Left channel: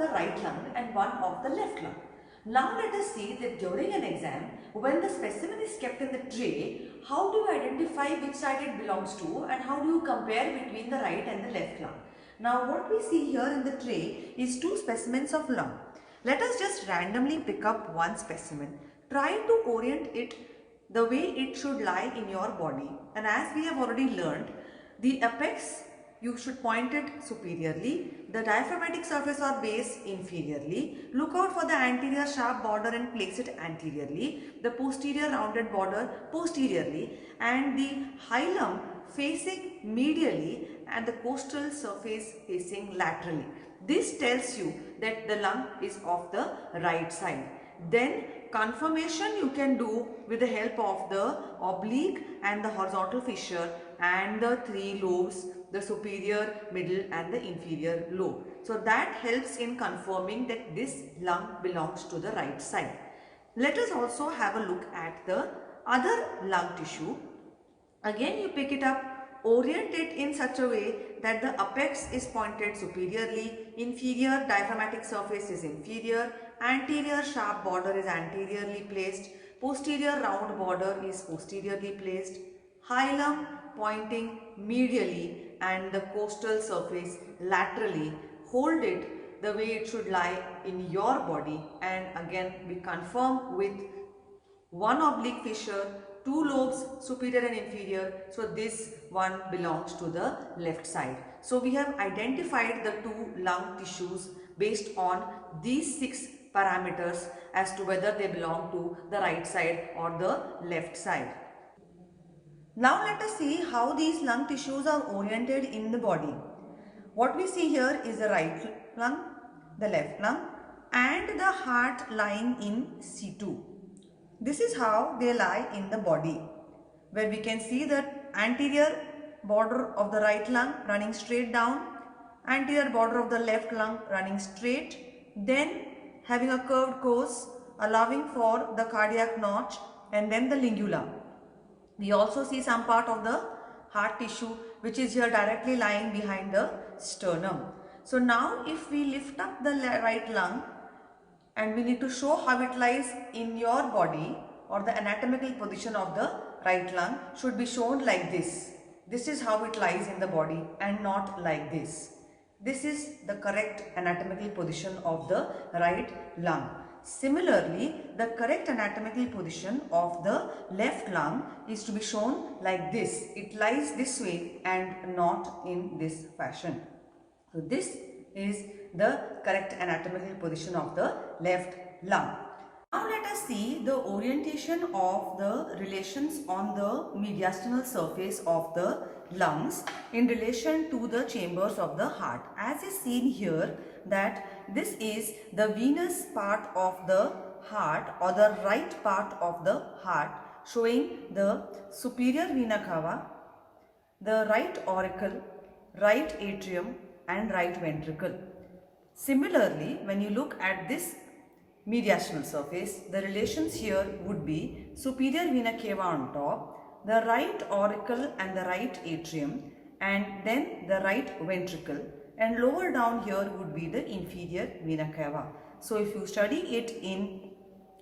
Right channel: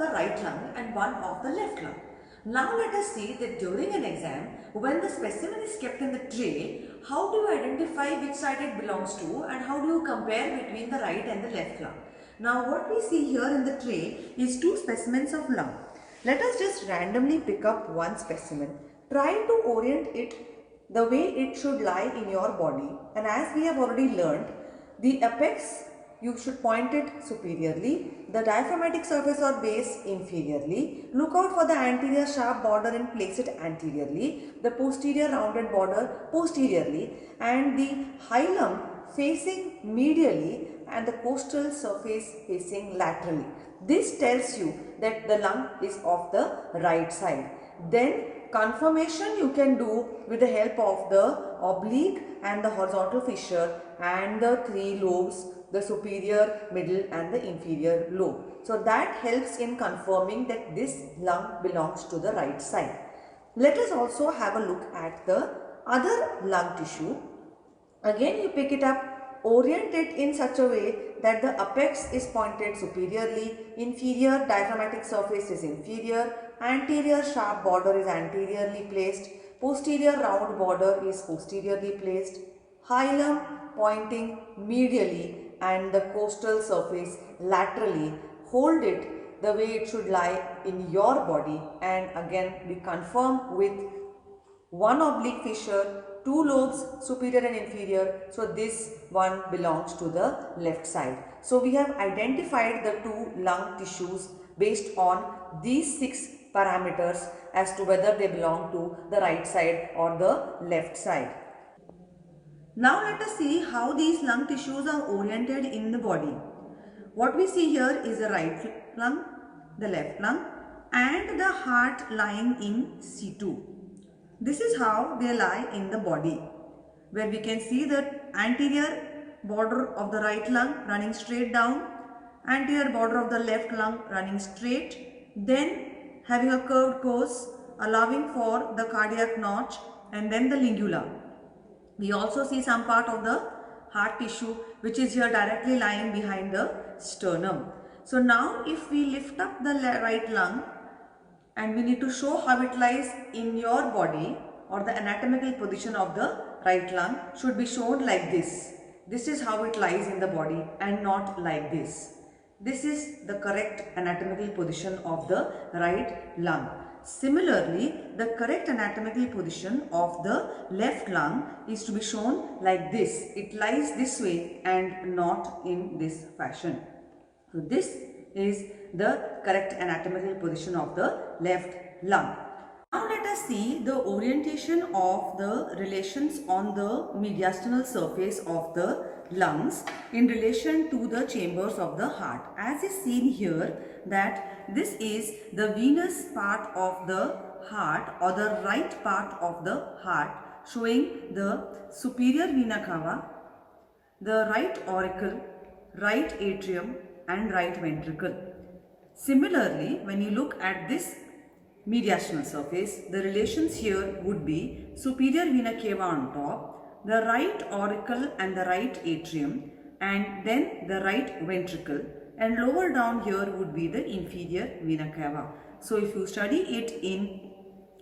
the right lung and one of the left lung. Now let us see that during an exam, when the specimen is kept in the tray, how do you identify which side it belongs to and how do you compare between the right and the left lung? Now what we see here in the tray is two specimens of lung. Let us just randomly pick up one specimen. Try to orient it the way it should lie in your body, and as we have already learned, the apex you should point it superiorly, the diaphragmatic surface or base inferiorly. Look out for the anterior sharp border and place it anteriorly, the posterior rounded border posteriorly, and the hilum facing medially and the costal surface facing laterally. This tells you that the lung is of the right side. Then confirmation you can do with the help of the oblique and the horizontal fissure and the three lobes, the superior, middle and the inferior lobe. So that helps in confirming that this lung belongs to the right side. Let us also have a look at the other lung tissue. Again you pick it up, orient it in such a way that the apex is pointed superiorly, inferior diaphragmatic surface is inferior, anterior sharp border is anteriorly placed, posterior round border is posteriorly placed, hilum pointing medially and the costal surface laterally. Hold it the way it should lie in your body, and again we confirm with one oblique fissure, two lobes superior and inferior, so this one belongs to the left side. So we have identified the two lung tissues based on these 6 parameters as to whether they belong to the right side or the left side. Now let us see how these lung tissues are oriented in the body. What we see here is the right lung, the left lung and the heart lying in C2. This is how they lie in the body, where we can see that anterior border of the right lung running straight down, anterior border of the left lung running straight, then having a curved course allowing for the cardiac notch and then the lingula. We also see some part of the heart tissue which is here directly lying behind the sternum. So now if we lift up the right lung, and we need to show how it lies in your body, or the anatomical position of the right lung should be shown like this. This is how it lies in the body and not like this. This is the correct anatomical position of the right lung. Similarly, the correct anatomical position of the left lung is to be shown like this. It lies this way and not in this fashion. So this is the correct anatomical position of the left lung. Now let us see the orientation of the relations on the mediastinal surface of the lungs in relation to the chambers of the heart. As is seen here, that this is the venous part of the heart or the right part of the heart, showing the superior vena cava, the right auricle, right atrium and right ventricle. Similarly, when you look at this mediastinal surface, the relations here would be superior vena cava on top, the right auricle and the right atrium, and then the right ventricle, and lower down here would be the inferior vena cava. So if you study it in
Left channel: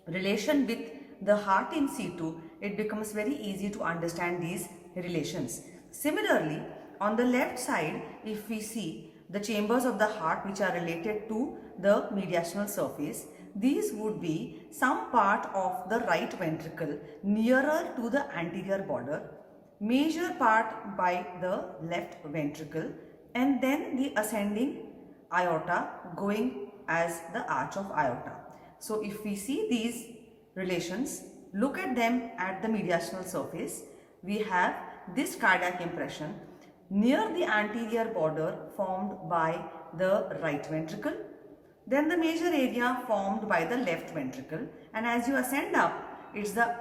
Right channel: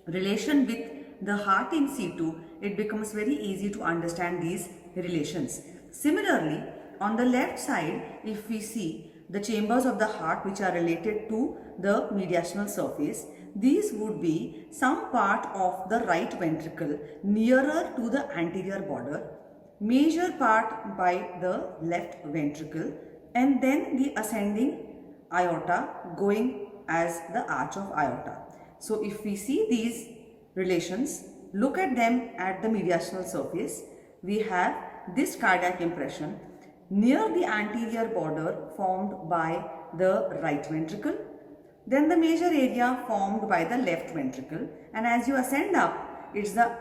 relation with the heart in C2, it becomes very easy to understand these relations. Similarly, on the left side, if we see the chambers of the heart which are related to the mediastinal surface, these would be some part of the right ventricle nearer to the anterior border, major part by the left ventricle, and then the ascending aorta going as the arch of aorta. So if we see these relations, look at them at the mediastinal surface, we have this cardiac impression near the anterior border formed by the right ventricle, then the major area formed by the left ventricle, and as you ascend up, it's the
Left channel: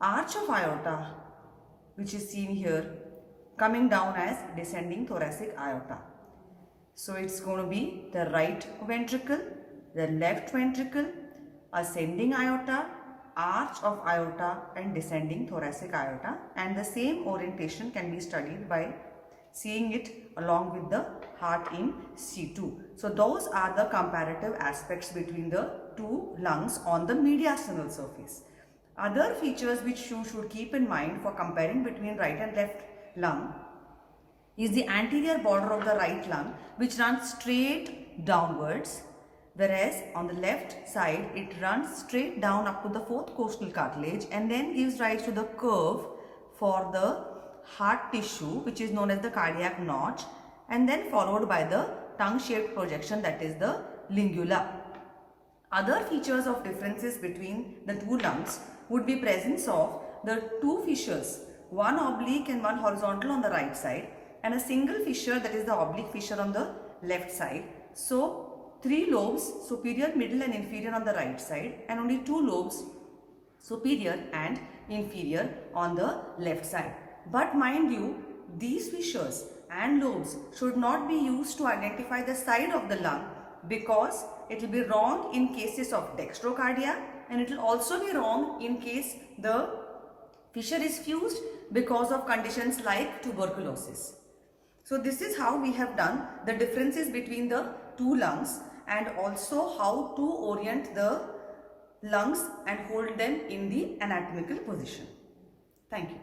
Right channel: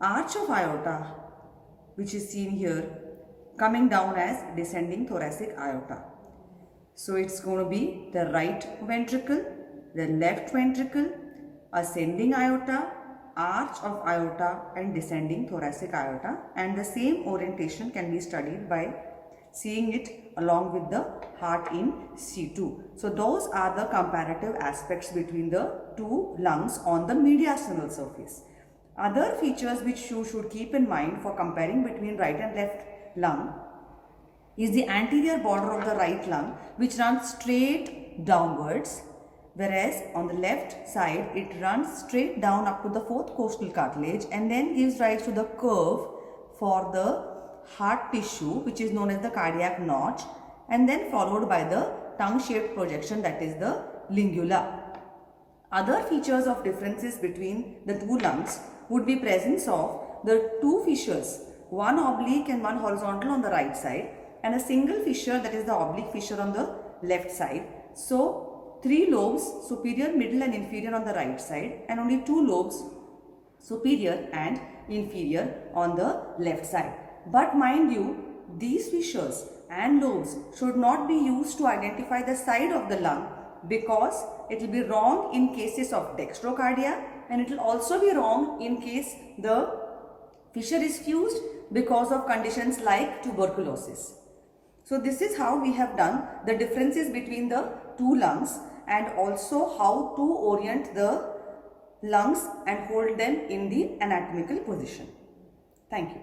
arch of aorta which is seen here coming down as descending thoracic aorta. So it's going to be the right ventricle, the left ventricle, ascending aorta, arch of aorta and descending thoracic aorta, and the same orientation can be studied by seeing it along with the heart in C2. So those are the comparative aspects between the two lungs on the mediastinal surface. Other features which you should keep in mind for comparing between right and left lung is the anterior border of the right lung, which runs straight downwards, whereas on the left side it runs straight down up to the fourth costal cartilage and then gives rise to the curve for the heart tissue, which is known as the cardiac notch, and then followed by the tongue-shaped projection, that is the lingula. Other features of differences between the two lungs would be presence of the two fissures, one oblique and one horizontal on the right side, and a single fissure, that is the oblique fissure, on the left side. So 3 lobes, superior, middle and inferior, on the right side, and only 2 lobes, superior and inferior, on the left side. But mind you, these fissures and lobes should not be used to identify the side of the lung, because it will be wrong in cases of dextrocardia, and it will also be wrong in case the fissure is fused because of conditions like tuberculosis. So this is how we have done the differences between the two lungs, and also how to orient the lungs and hold them in the anatomical position. Thank you.